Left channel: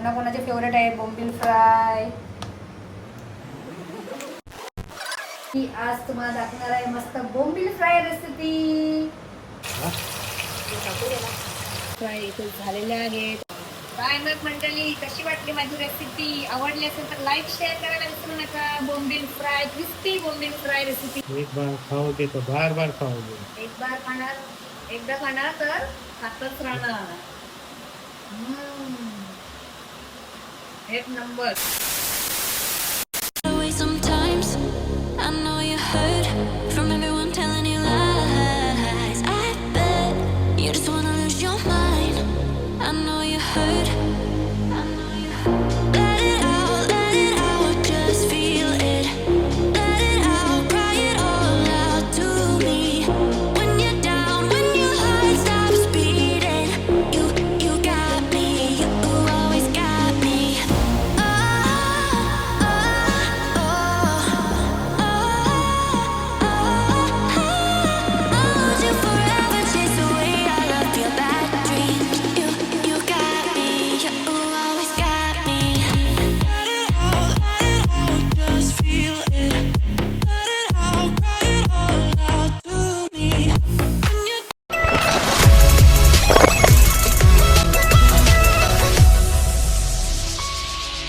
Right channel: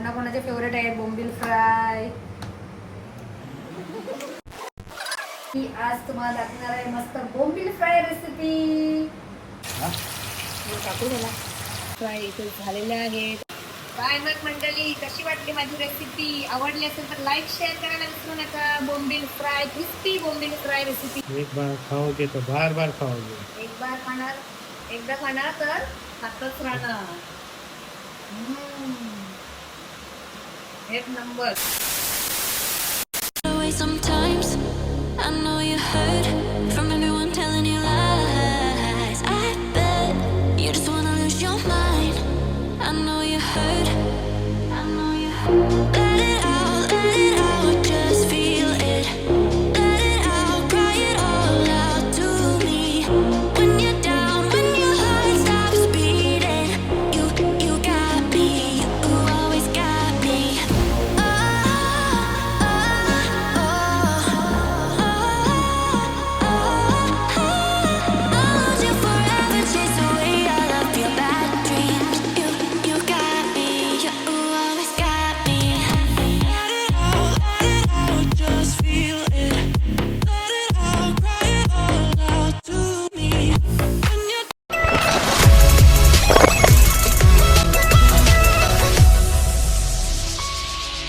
कोणाकोणाचे फेवरेट आहे बोंबील फ्राय. मी आज तुम्हाला दाखवणार आहे मस्त बोंबील फ्राय रेसिपी फ्राय इथे झालेले आहेत. काय मग मंडळी कशी वाटली माझी रेसिपी आवडली असेल तर लाईक शेअर करायला विसरू नका. बोंबील फ्राय क्रिस्पी बोंबील फ्राय रेसिपी एक बार खाओगे तो बार बार खाओगे. एक बार खाणार. एकदा खाणार तर खातच राहणार. એક number Sometimes. I know you hurt.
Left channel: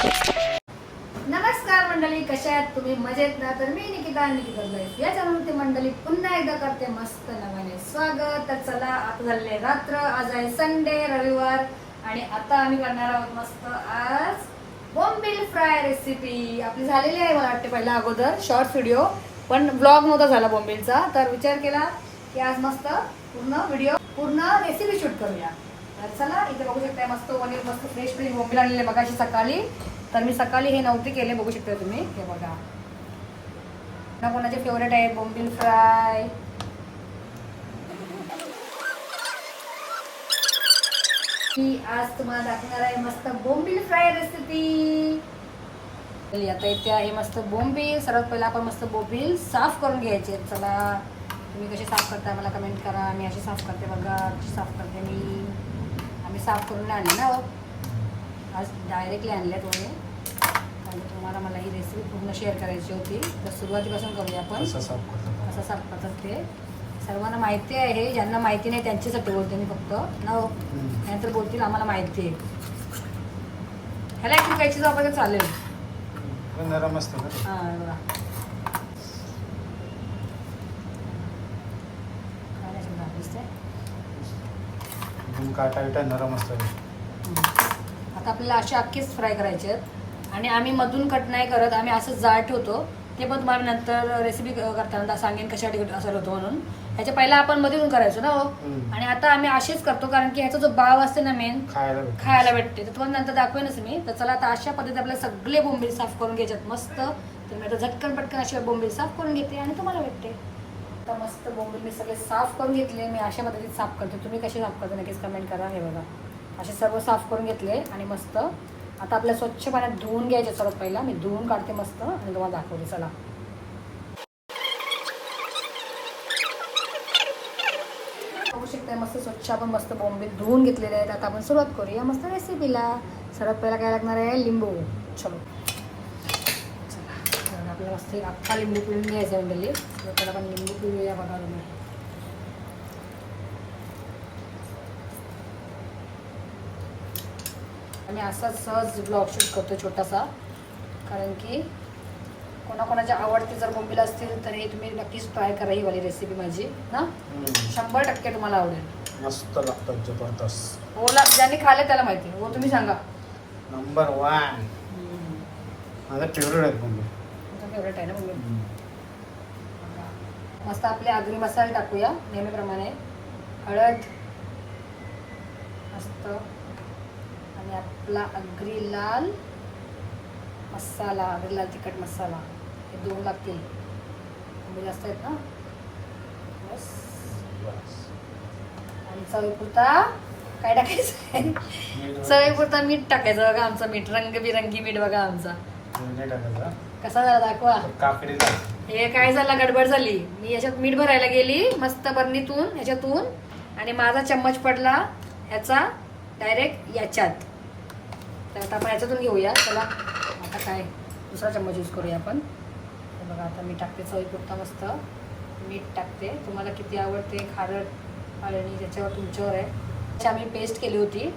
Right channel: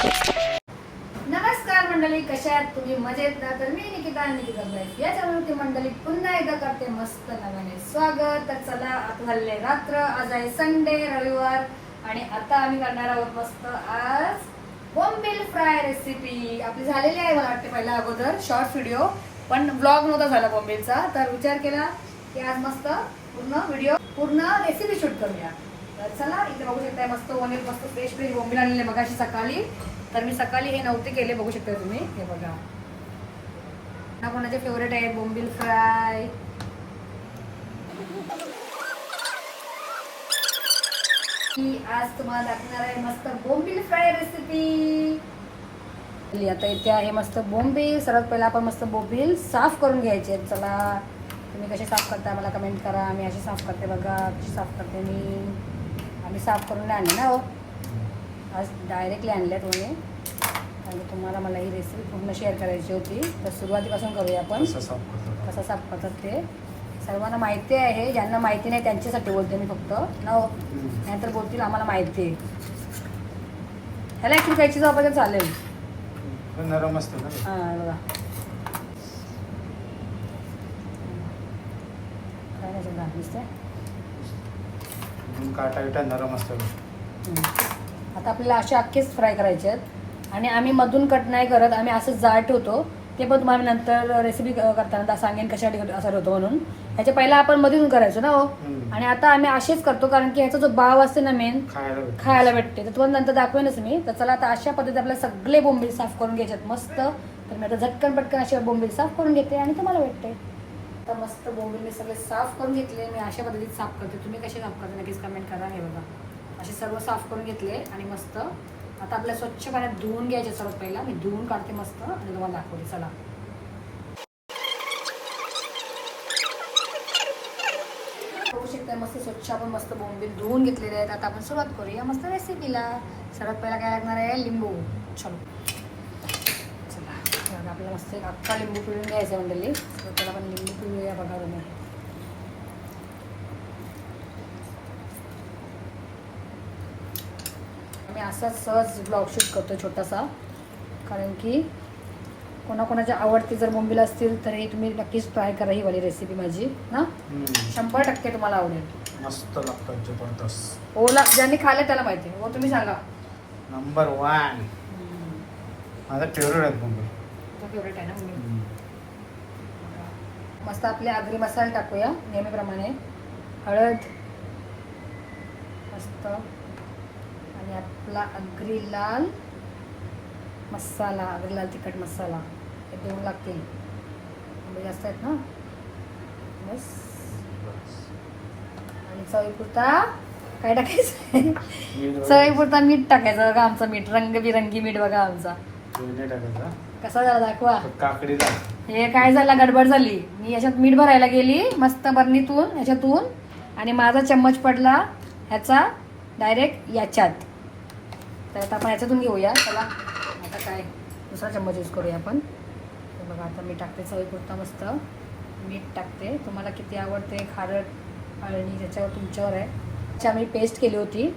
नमस्कार मंडळी कशा आहेत? तुम्ही मजेत ना? तर मी निकिता निकिता ब्लाईस या चॅनलवरती मंडळी पुन्हा एकदा करते मस्त नव्याने स्वागत. तर चला आता झालेले रात्र. आज आहे संडे रविवार. आणि आता आम्ही करणार आहोत मस्त आज बोंबील फ्राय रेसिपी आपली झालेली आहे मला वाटते पहिला अगोदर शॉर्ट व्हिडिओ पण ब्लॉग नव्हता झाला बोंबीलचा तर विचार केला की आज मस्त पूर्ण व्हिडिओ पूर्ण रेसिपी शूट करूया. तर चला इथे बघू शकता मस्त वनीर मस्त फ्रेश फ्रेश बोंबील आणलेले मगाशी सकाळी. तर मी सकाळी हे नव्हते केले बघू शकते तुम्ही. हे बघा. कोणाचे फेवरेट आहे बोंबील फ्राय. मी आज तुम्हाला दाखवणार आहे मस्त बोंबील फ्राय रेसिपी आता इथे आहे मस्त बोंबील. सर्वात पहिला आपण मस्त बोंबील साफ करून घ्यायचे आहेत. चला तुम्ही कसे साफ करता? मला कमेंट करा. मी अशी साफ करते बघा. कशी साफ करते मी? आम्ही साफ करून आणले ना हो. आज डायरेक्टली आणल्या तुम्ही. आणि तुम्हाला मला ही रेसिपी पूर्ण शेअर करायची होती. तर सुरुवातीपासून करूया आपण. कसं साफ करतात? ते. सर्वांना माहिती आहे. ज्यांना माहिती नाही त्यांच्यासाठी बोलते मी फक्त. ना हो? नाहीतर बोलतील आम्हाला माहिती. आहे ह्याला ॲक्च्युली चीज वापरते चालेल. हां बघा काय नाही शब्द दिसतंय म्हणून काटा बिटा नरम असतं. आता आपल्याला असे अख्खेच फ्राय करायचे आहेत. आणि आम्ही मधून कट नाही करत आम्ही असं जाड ठेवतो ते पण तुम्हाला नंतर रेसिपी करताना सांगेन कशासाठी असं होतं म्हणून. ह्याच्या पहिला आपण मधून करायचो ना हो. आणि आता आम्ही असेच करतो कारण की ह्याचा जो बाव असते ना मेन खायला भेटतं. खायला भेटते. तर तुम्हाला नंतर दाखवेनच मी. तर चला आता अशा पद्धतीने आपल्याला सगळे बोंबील साफ करून घ्यायच्यात मस्त. तर मी आता झटकन पटकन अशा बोंबील साफ करून घेते आणि तुम्हाला भेटते. आता मस्त बोंबील मी सगळे साफ करून घेतले. मी अशा मदतीत साफ करते. तुम्ही कसे साफ करता? नक्कीच कमेंट करा. हे बघा. असे सर्व साफ करून घेतले आणि मस्त आता आपल्या स्वच्छ पाण्यात धुवून घ्यायचे सर्व पहिला. मी धुवून काढते मस्त आणि तुम्हाला दाखवते. चला. बघू शकता मस्त स्वच्छ आपण मस्त बॉम्बे धुवून घेतलेले आहेत. आता आपण सुरुवात करूया. मस्त रेसिपीला सर्वात पहिला काय लागणार आहे? लिंबू. चलो पिळून घ्यायचं मंडळी तर पहिला आपण लिंबू पिळूया बघा तुम्ही आणि असा सहज ब्लॉग शूट करतो छोटासा कारण की कोणाकोणाच्या आवडते जर बोंबील असतील तर हे तुम्ही नक्कीच ट्राय करा ही वाली रेसिपी माझी ना. शंभर टक्के तुम्हाला आवडेल. मस्त लागतात जबरदस्त. ओला ज्यांनी खाल्लं त्याला माहिती हो तुम्ही सांगा. नंबर वन माझा फेवरेट आहेत बोंबील फेवरेट आहे ना मम्मी मस्त आपले आगरी मसाला टाकूया नेहमीप्रमाणे. हळद. मस्त. आणि आपला आगरी लाल मसाला आगरी लाल तिखट मसाला. हे दोन लागतील. एवढे जास्त आहेत ना? बस आणि चवीपुरता काय टाकायचं चवीपुरता मीठ टाकायचं बघा आमचं मीठ. रंगबिरंगी मीठ बघा आमचा. कसा झाला दाखवा. हे काय झालं? गडबड झाली. मी याच्यात मीठ भरायला गेली मस्त बरणीतून याच्यातून. आणि माझा चम्मच पडला ह्याचा डायरेक्ट याच्यात. तर आपण याच्यातून घेऊया. चला आता काय? दुसरा चम्मच यूज करूया आपण. बघा आता मी टाकते चवीपुरता मस्त. मीठ टाकते. तुम्हाला किती आवडते? खारट आणि त्याच्यावर तुमच्यावर आहे. आम्ही पेस्ट केली होती.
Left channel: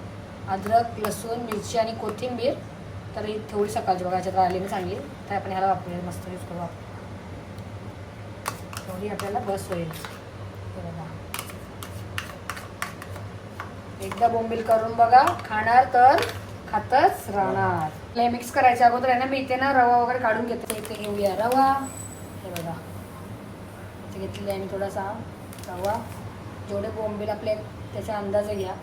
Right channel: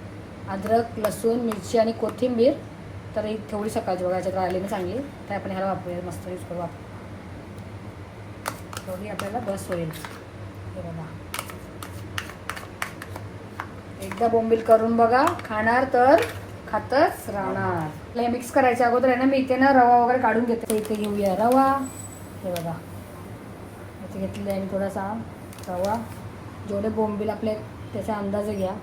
अद्रक लसूण मिरची आणि कोथिंबीर. तर थोडी सकाळची बघा याच्यात आली चांगली. तर आपण ह्याला वापरूया मस्त यूज करू वापर थोडी आपल्याला बस होईल एकदा बोंबील करून बघा. खाणार तर खातच राहणार. हे मिक्स करायच्या अगोदर आहे ना मी इथे ना रवा वगैरे काढून घेते. इथे घेऊया रवा. हे बघा. इथे घेतलेला आहे मी थोडासा रवा. जेवढे बोंबील आपले त्याचा अंदाज घ्या.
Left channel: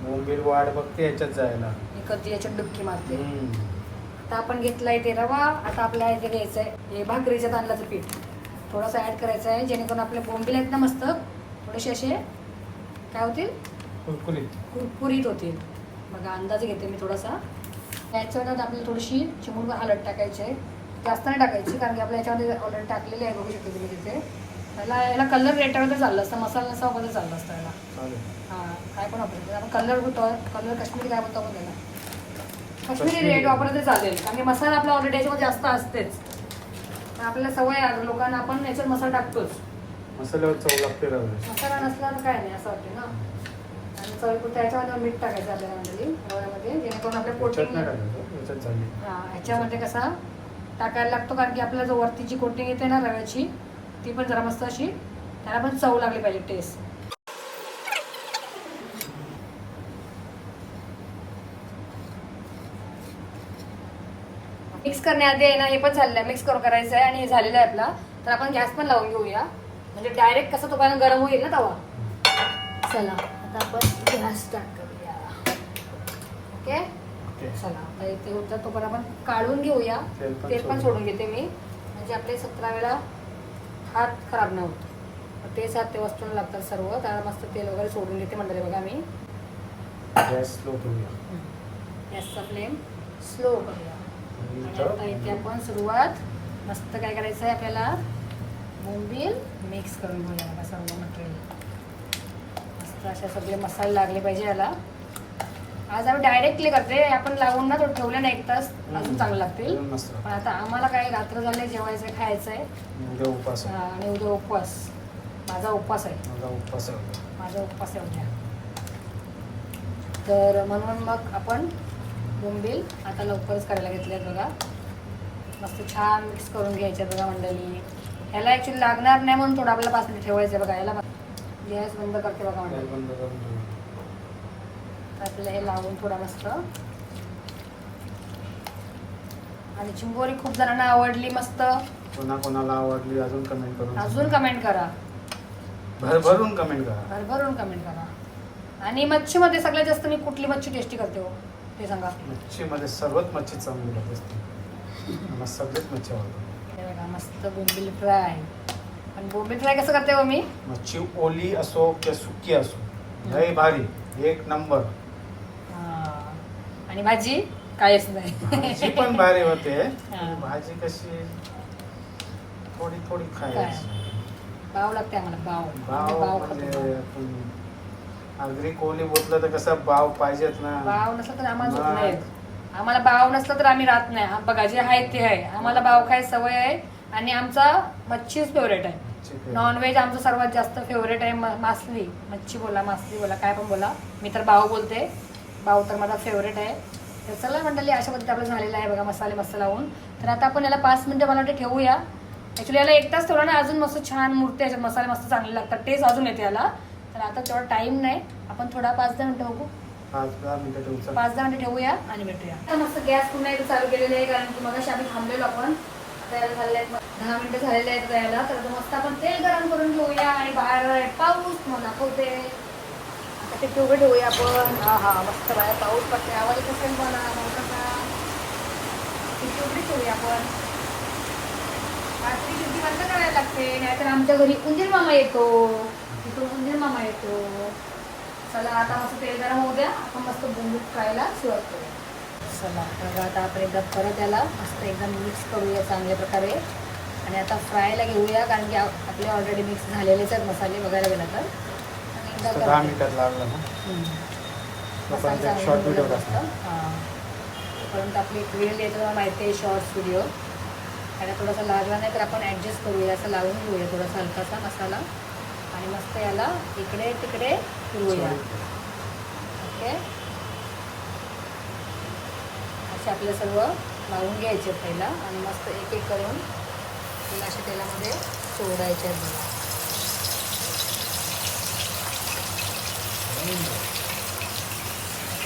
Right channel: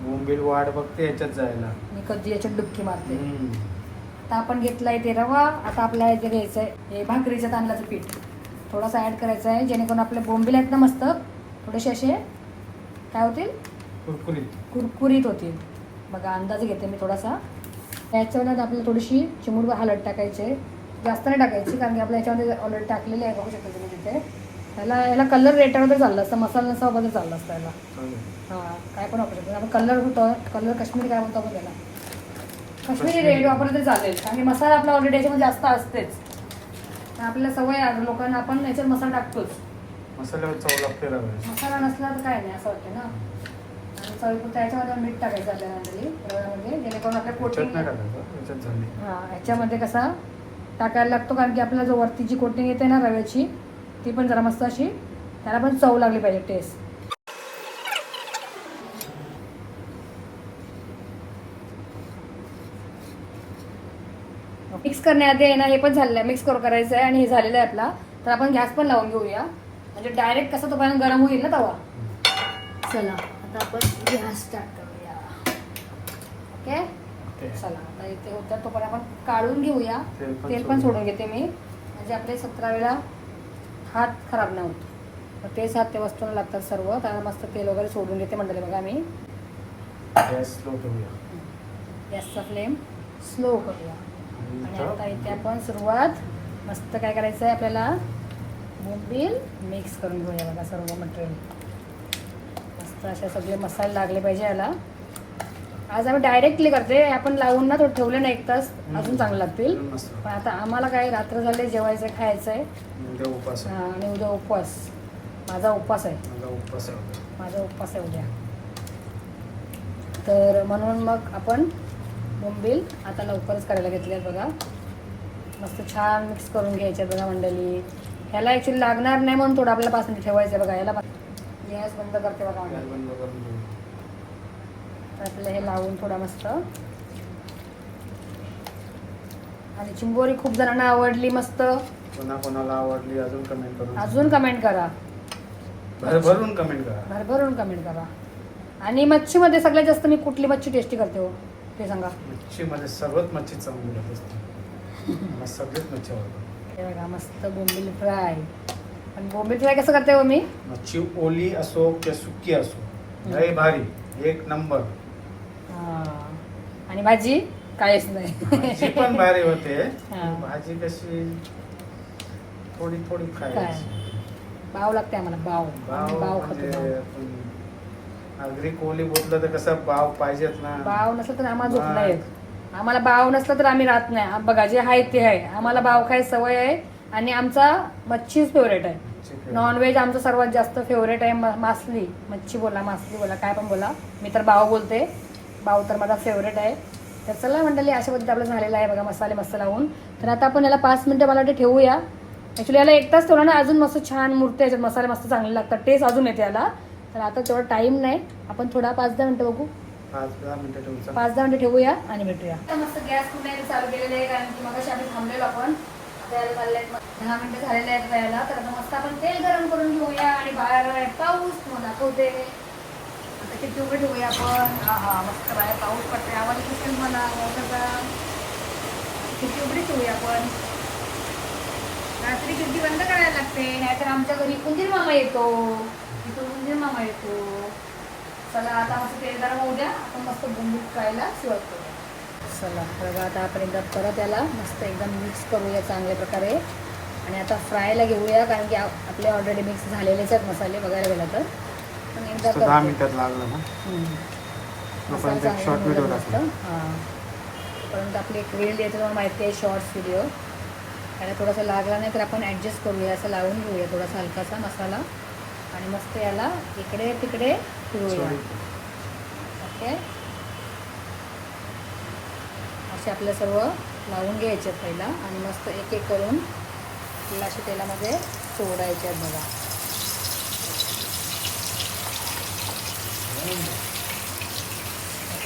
बोंबील वाढ बघते याच्यात जायला. मी कधी याची डुबकी मारते. आता आपण घेतलाय ते रवा आता आपल्याला इथे घ्यायचं आहे हे भाकरीच्या तांदळाचं पीठ. थोडासा ॲड करायचं आहे जेणेकरून आपले बोंबील आहेत ना मस्त थोडेसे असे काय होतील? कुरकुरीत. कुरकुरीत होतील. बघा अंदाज घेते मी थोडासा. याच्यामध्ये आपल्याला थोडीशी चिमूट हळद टाकायची आहे. जास्त नाही टाकायची कारण की आपल्या याच्यामध्ये ऑलरेडी टाकलेले आहे बघू शकतो तुम्ही तिथे. याला याला कलर रेटवर तर चाललं असतं मसाला नसा वगैरे चाललं असतं याला. हां काय पण वापरतो. आपण कलर होतो कलर काश्मीरी काय म्हणतो आपण त्याला? काश्मीरी रेड वापरलं तर चालेल कारण की मसाला आपला ऑलरेडी याच्यामध्ये जास्त असतेच. आपल्याला सवय आहे लोकांना आपण याच्यात मसाला टाकतोच. मसाल्यावर चव लागते मसाला नसला तर काय नाही असं वाटतं ना? आणि चवीपुरतं याच्यामध्ये मीठ टाकायचं आपल्याला आणली रव्यामध्ये जेणेकरून आपल्या याच्यात नाही कोटिंग टाकायचं याच्यात झाली. हा याच्यामध्ये कसा टाकायला लागतो कारण की आपल्याला जो वरती जी कोटिंग येते ना रव्याची ती पण जरा मस्त अशी त्याला पण चव लागली पाहिजे टेस्ट मिक्स करण्याआधी आहे ना हे पण झालेलं आहे. मिक्स करू करायचं आहे आणि हे झालेलं आहे आपला. तर आपण गॅस पण लावून घेऊया. म्हणजे डायरेक्ट कसं तो पाणी गरम होईल ना तवा. चला आता आपण गॅस स्टार्ट करूया. ओके ओके चला आता इथे होतं तो पण आपण काढून घेऊया. तेल पण सोडून. घेते मी. म्हणजे आपले सतरा वेळा हात खराब नाही होत. तेच हात ते वस्तू लागतात सर्व. त्यामुळे मस्त तेल वगैरे सोडून घेते म्हणते बघा मी. गॅस स्लो ठेवूया गॅसचा फ्लेम स्लो करूया. आता इथे आपण सुरुवात. मस्त काय करायचं आहे आपल्याला? बोंबील मिक्स करून घेऊया बघा सर्व मटेरियल मस्त असे सगळे मसाले लागले पाहिजे याला. आज आम्ही डायरेक्टली करते आपण लावून ना थोडं ठेवलं ना एक तास. अजून चांगलं लागतील. पण आता आम्हाला काय रात्र झाले जेवायचं खायचं आहे. उद्या आहे. आणि उद्या उपवास. माझा उपवास आहे. माझा उपास आहे. माझा उपवास आहे उद्या. तर म्हणून मग आपण बोंबील आता लवकरच करायला घेतले बघा. मस्त छान मिक्स करून घ्यायचे बघा मंडळी. ह्याला ॲक्च्युली लागणार नाही म्हणून थोडं आपल्याला मिनिट ठेवायचं बघा. याला गॅस बंद करते बघा. आपलं हे लावून थोडा मस्त. आणि चिंबोरी खूप जणांना आवडली मस्त. कोणा कोणाला आवडली अजून कमेंट करून अजून कमेंट करा. भरभरून कमेंट करा. भरभरून कमेंट करा. आणि मच्छीमध्ये सगळ्यात जास्त मी कुठली मच्छी टेस्टी करते हो? ते सांगा. मच्छीमध्ये सर्वच मच्छी चांगली लागते मला सगळेच मच्छी आवडतात. हे बघा मस्त बोंबील फ्राय. आणि बोंबील फ्राय कसं करते हो मी? मच्छी ओली असो किंवा सुकी असो लय भारी. एक नंबर. हा. आणि भाजी? काहीच भाजी नाही पण भारी होते. हा. भाजी कशी थोडी थोडी खायची बाव लागते आम्हाला बाव आम्ही बाव बाव म्हणजे आपण आगरी कोली बोललं तर कसं बाव पाहिजेत ना? बाव नसलं तर आम्हाला झोप. नाही येत. आम्हाला बाव नसलं तर आम्ही राहत नाही. बघा जे आहे ते आहे. आम्हाला बाव काय सवय आहे? आणि आमचा मच्छीच फेवरेट आहे. चिकन. नॉनव्हेज आमचं सर्वात जास्त फेवरेट आहे म- मासली. मच्छी बोला मासली बोला काय पण बोला. मी तर बाव बोलते. बाव तर माझा फेवरेट आहे. तर चला मंडळी अशा पद्धतीत आपलं झालेलं आहे बघा मसाले मस्त लावून. तर आता आपण याला पाच मिनटं मला वाटते ठेवूया. ॲक्च्युली याला एक तास ठेवला ना अजून मस्त छान मूर्ती याच्यात मसाले मस्त चांगले लागतात. टेस्ट अजून येते याला. तर आता तेवढा टाईम नाही. आपण थोडा पाच दहा मिनटं बघू. पाच दहा मिनिटं ठेवू पाच दहा मिनिटं ठेवूया आणि भेटूया. आता मस्त गॅस पुन्हा एकदा चालू केलेलं आहे कारण की मग आम्ही थांबलेलो आपण. आता याला झालेले आहेत दहा मिनिटं झालेले आहेत यायला तर आता मस्त आपण तेल गरम करून घेऊया आणि बाहेर पाऊस मग दाखवते. आता ते उभे ठेवूया आपण. हा हा पाऊस पडते आम्हाला चिकन मोठं करा खिडकी उघडी ठेवूया आपण. रात्री खिडकी बंद करायला लागते नाहीतर आमच्या घरी उंदीर मामा येतो. तिकडून उंदीर मामा येतो. चला आता मस्त तेल गरम होऊ द्या. आपण मस्त बोंबील फ्रायला सुरुवात करूया. चला बघा आता आपण एकदा परत याला मस्त एकदम मिक्स करूया चांगल्या प्रकारे. आणि आता फ्रायला घेऊया कारण की आप- आपले ऑलरेडी मिक्स झालेलेच आहेत मसाले बघायला गेलं तर. एकदा दहा. मिनिटात लागलं ना. तोपर्यंत एक शॉर्ट व्हिडिओ टाकला हां. परंतु आपली एक वेळ येतो माहिती आहे शॉर्ट्स व्हिडिओ त्याला थोडासा लागला नाही तर आपण ॲडजस्ट करूया असं लावून घेऊया थोडासा हलकासा मसाला. आणि मस्त याला. इकडे तिकडे फिरवूया ओके? असे आपलं सर्व लावून घ्यायचे पहिला आणि मस्त एक एक करून तिला अशा तेलामध्ये सोडायचे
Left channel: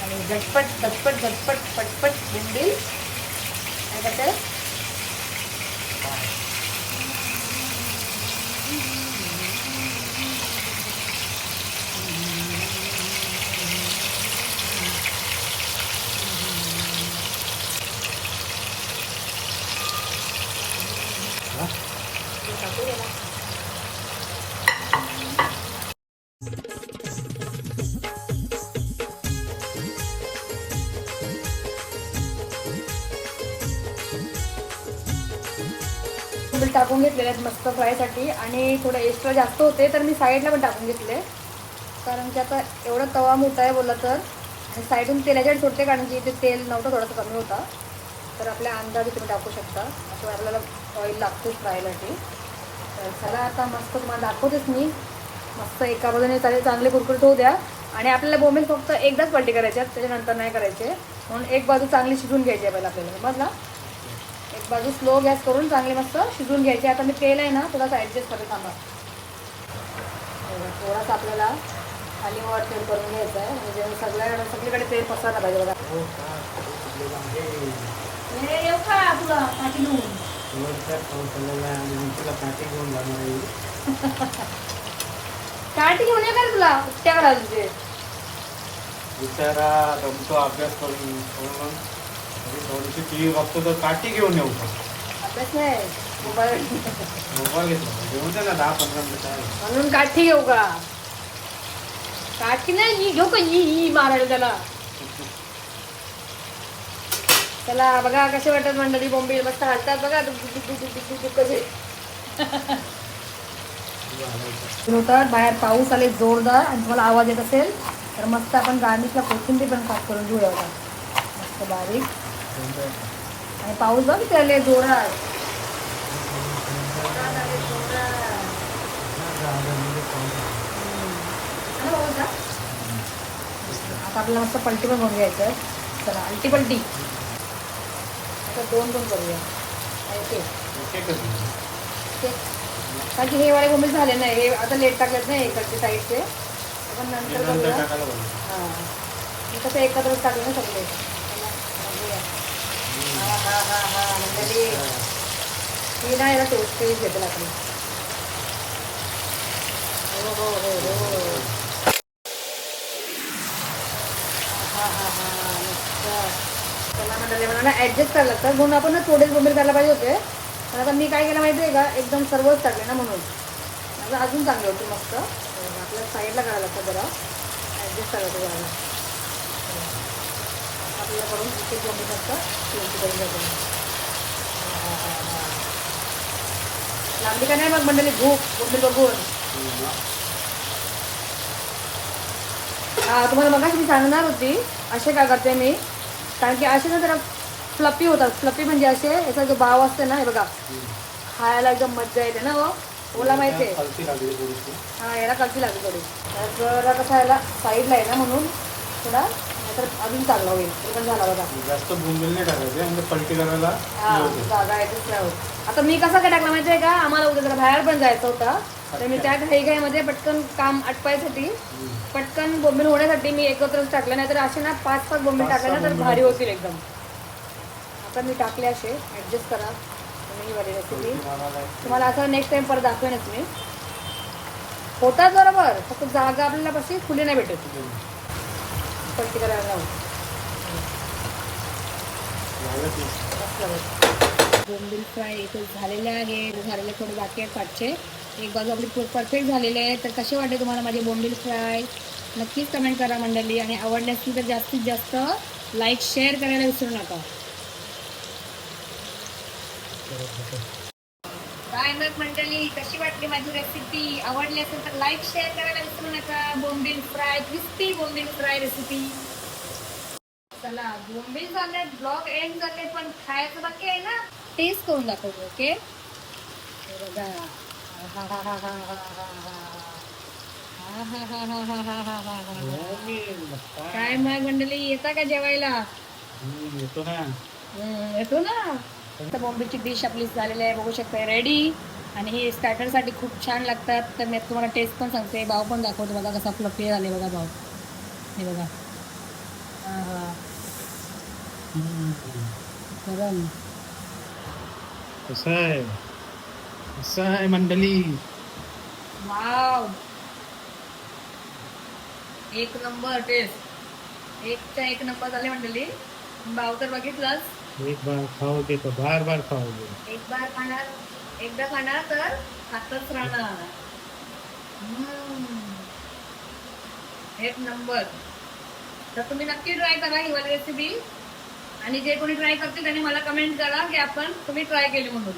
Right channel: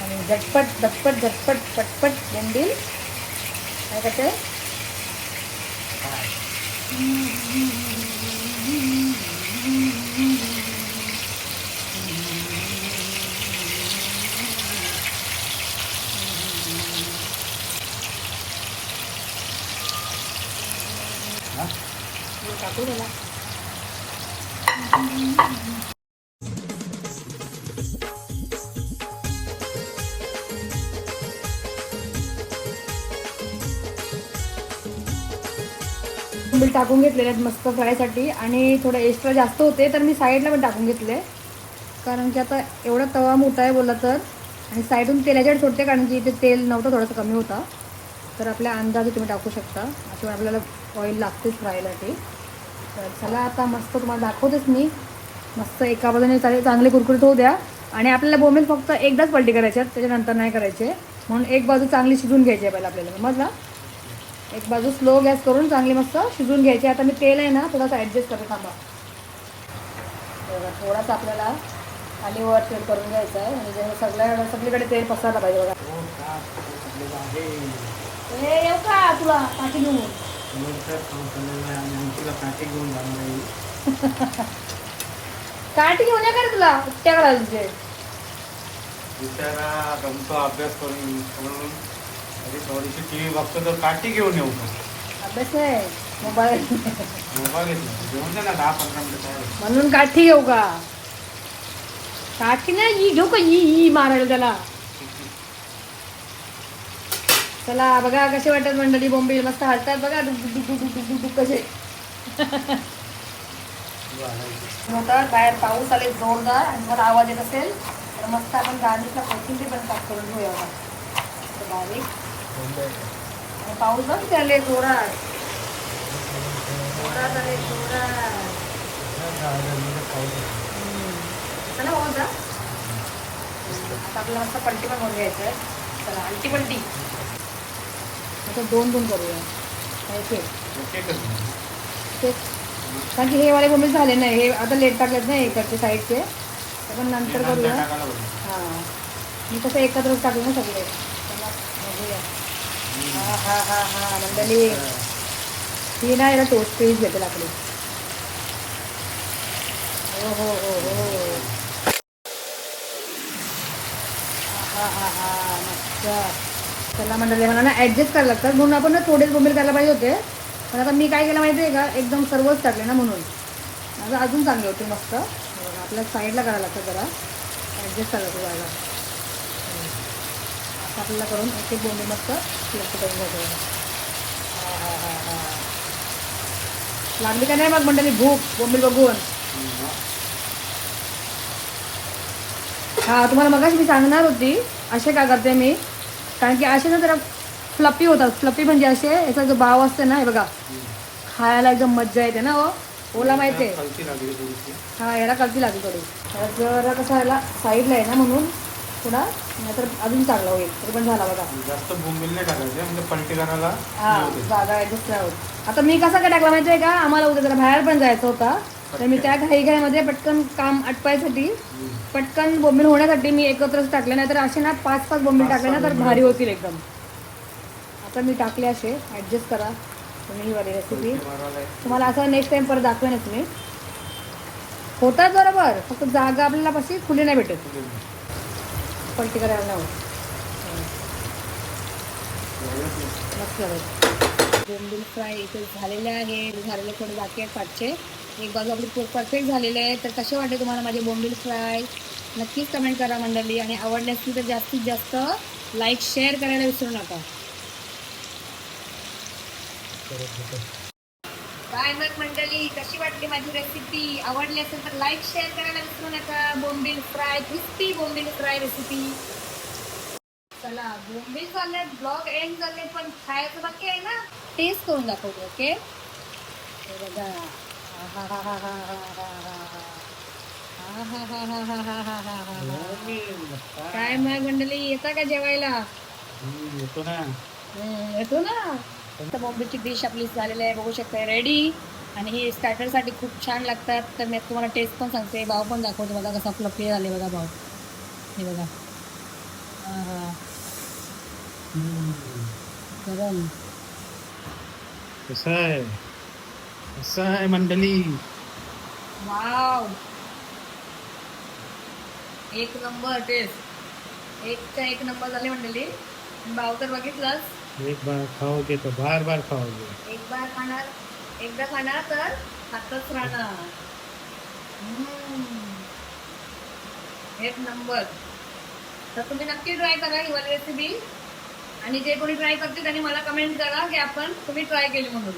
आणि झटपट झटपट झटपट पटपट भेंडी आणि कसं? Mm-hmm. कोथिंबीर टाकून घेतलेले आहेत मस्त फ्रायसाठी. आणि थोडं एक्स्ट्रा जास्त होते तर मी साईडला पण टाकून घेतले. कारण की आता एवढा तवा मोठा आहे बोलला तर. आणि साईडून तेलाच्या सोडते कारण की इथे तेल नव्हतं थोडंसं कमी होता. तर आपल्या अंदाजे तुम्ही टाकू शकता. किंवा आपल्याला ऑइल लागतोच फ्रायसाठी. तर चला आता मस्त तुम्हाला दाखवतेच मी. मस्त एका बाजूने चालेल चांगली कुरकुरीत होऊ द्या. आणि आपल्याला बोमेन फक्त एकदाच पलटी करायचे आहेत त्याच्यानंतर नाही करायचे. म्हणून एक बाजू चांगली शिजून घ्यायची आहे पहिला आपल्याला. समजला? एक बाजू स्लो गॅस करून चांगली मस्त शिजून घ्यायची. आता मी तेल आहे ना थोडंसं ॲडजस्ट करते बघा, थोडासा आपल्याला खाली वर तेल करून घ्यायचं आहे म्हणजे जेव्हा सगळ्या सगळीकडे तेल पसरलं पाहिजे बघा. हो येऊ का तुला पाठी घेऊन? आणि काठी घेऊन या का रे तुला? त्या करायला तुझे. विचारा अभ्यास करून थोडीशी टी व्ही बघतो तर काठी घेऊन येऊ नाही मोबाईल. घेतला घेऊन जा. ना दहा पंधरा मिनिटं म्हणून काठी घेऊ का? काठी नाही ही घेऊ का? ही मारायला त्याला. चला बघा कसे वाटत मंडळी बॉम्बे मस्त हलतात बघा. कसे. होतात बाहेर पाऊस आले जोरदार आणि तुम्हाला आवाज येत असेल तर मस्त आपण गार्निशला कोथिंबीर पण पाक करून घेऊया बारीक. पाऊस बघ केले जोरात आपल्याला मस्त पलटी पण बनवून घ्यायचं आहे चला अंटी पलटी दोन दोन करूया ओके कारण की हे वाले गोंबील झाले नाही हे आता लेट टाकलेत नाही इकडचे साईडचे आपण नंतर हां मी कसं एकत्रच टाकलं ना सगळे हा, हा, आणि ही नाही ना टेस्ट टेस्ट घेते आपली हो, हो, हो, हो. मला ॲडजस्ट करायला लागतं म्हणून आपण ना थोडेच गोंबील करायला पाहिजे होते पण आता मी काय केलं माहिती आहे का एकदम सर्वच टाकले ना म्हणून माझं अजून चांगलं होतं मस्त आपल्या साईडला करायला लागतं जरा ॲडजस्ट करायचं जरा करून एक मस्त टेस्ट करून घ्यायचं लागली का नाही मग मंडळी? भूक बोंबील बघून हा तुम्हाला मगाशी मी सांगणार होती असे का करते मी? कारण की असे ना जरा फ्लपी होतात. फ्लपी म्हणजे असे याचा जो भाव असते ना हे बघा. खायला एकदम मज्जा येते ना हो. ओला माहिती हा याला कळती लागली थोडी. जरा कसं याला साईडला आहे ना म्हणून थोडा नाहीतर अजून चांगला होईल. ते पण झाला बघा. जास्त बोंबील नाही टाकायचे म्हणजे पलटी करायला हा. जागा आहे दुसऱ्या आता मी कसं काय टाकला माहिती आहे का? आम्हाला उद्या जरा बाहेर पण जायचं होता. तर मी त्या घाई घाईमध्ये पटकन काम आटपायसाठी हम्म. पटकन बोंबील होण्यासाठी मी एकत्रच टाकले. नाही तर असे ना पाच पाच बोंबील टाकले ना तर बोंबील भारी होतील. एकदम. तर मी टाकले असे. ॲडजस्ट करा. तुम्ही ही वाली रेसिपी पलटी मारायला तुम्हाला असं नेक्स्ट टाइम परत दाखवेनच मी. होतात बरोबर. फक्त जागा आपल्याला कशी खुली नाही भेटत. पलटी करायला बोंबील फ्राय इथे झालेले आहे. झालेले थोडे बाकी आहेत पाचशे. एक बाजू आपली परफेक्ट झालेले आहे. तर कसे वाटते तुम्हाला माझे बोंबील फ्राय? नक्कीच कमेंट करा मंडळी. आणि आवडले असतील तर जास्तीत जास्त लाईक शेअर करायला विसरू नका. काय मग मंडळी कशी वाटली माझी रेसिपी आवडली असेल तर लाईक शेअर करायला विसरू नका. बोंबील फ्राय क्रिस्पी बोंबील फ्राय रेसिपी चला बोंबील चालले ब्लॉग एंड झाले पण खायचं बाकी आहे ना? टेस्ट करून दाखवतो ओके बघा. काय मग मंडळी येता का जेवायला? येतो ना. येतो ना. तर बॉम्बेची डिश आपली झालेली आहे बघू शकता रेडी आणि हे स्टार्टरसाठी खूप छान लागतात. तर मी तुम्हाला टेस्ट पण सांगते भाव पण दाखवतो बघा कसा आपलं पे झाले बघा भाव. हे बघा. गरम. कसं आहे? कसं आहे मंडळी? वाव. एक नंबर टेस्ट एक नंबर झाले मंडळी. भाव तर बघितलाच एक बार खाओगे तो बार बार खाओगे। एक बार खाणार एकदा खाणार तर खातच राहणार. हम्म. एक नंबर. तर तुम्ही नक्की ट्राय करा ही वाली रेसिपी आणि जे कोणी ट्राय करते त्यांनी मला कमेंट करा की आपण तुम्ही ट्राय केली म्हणून.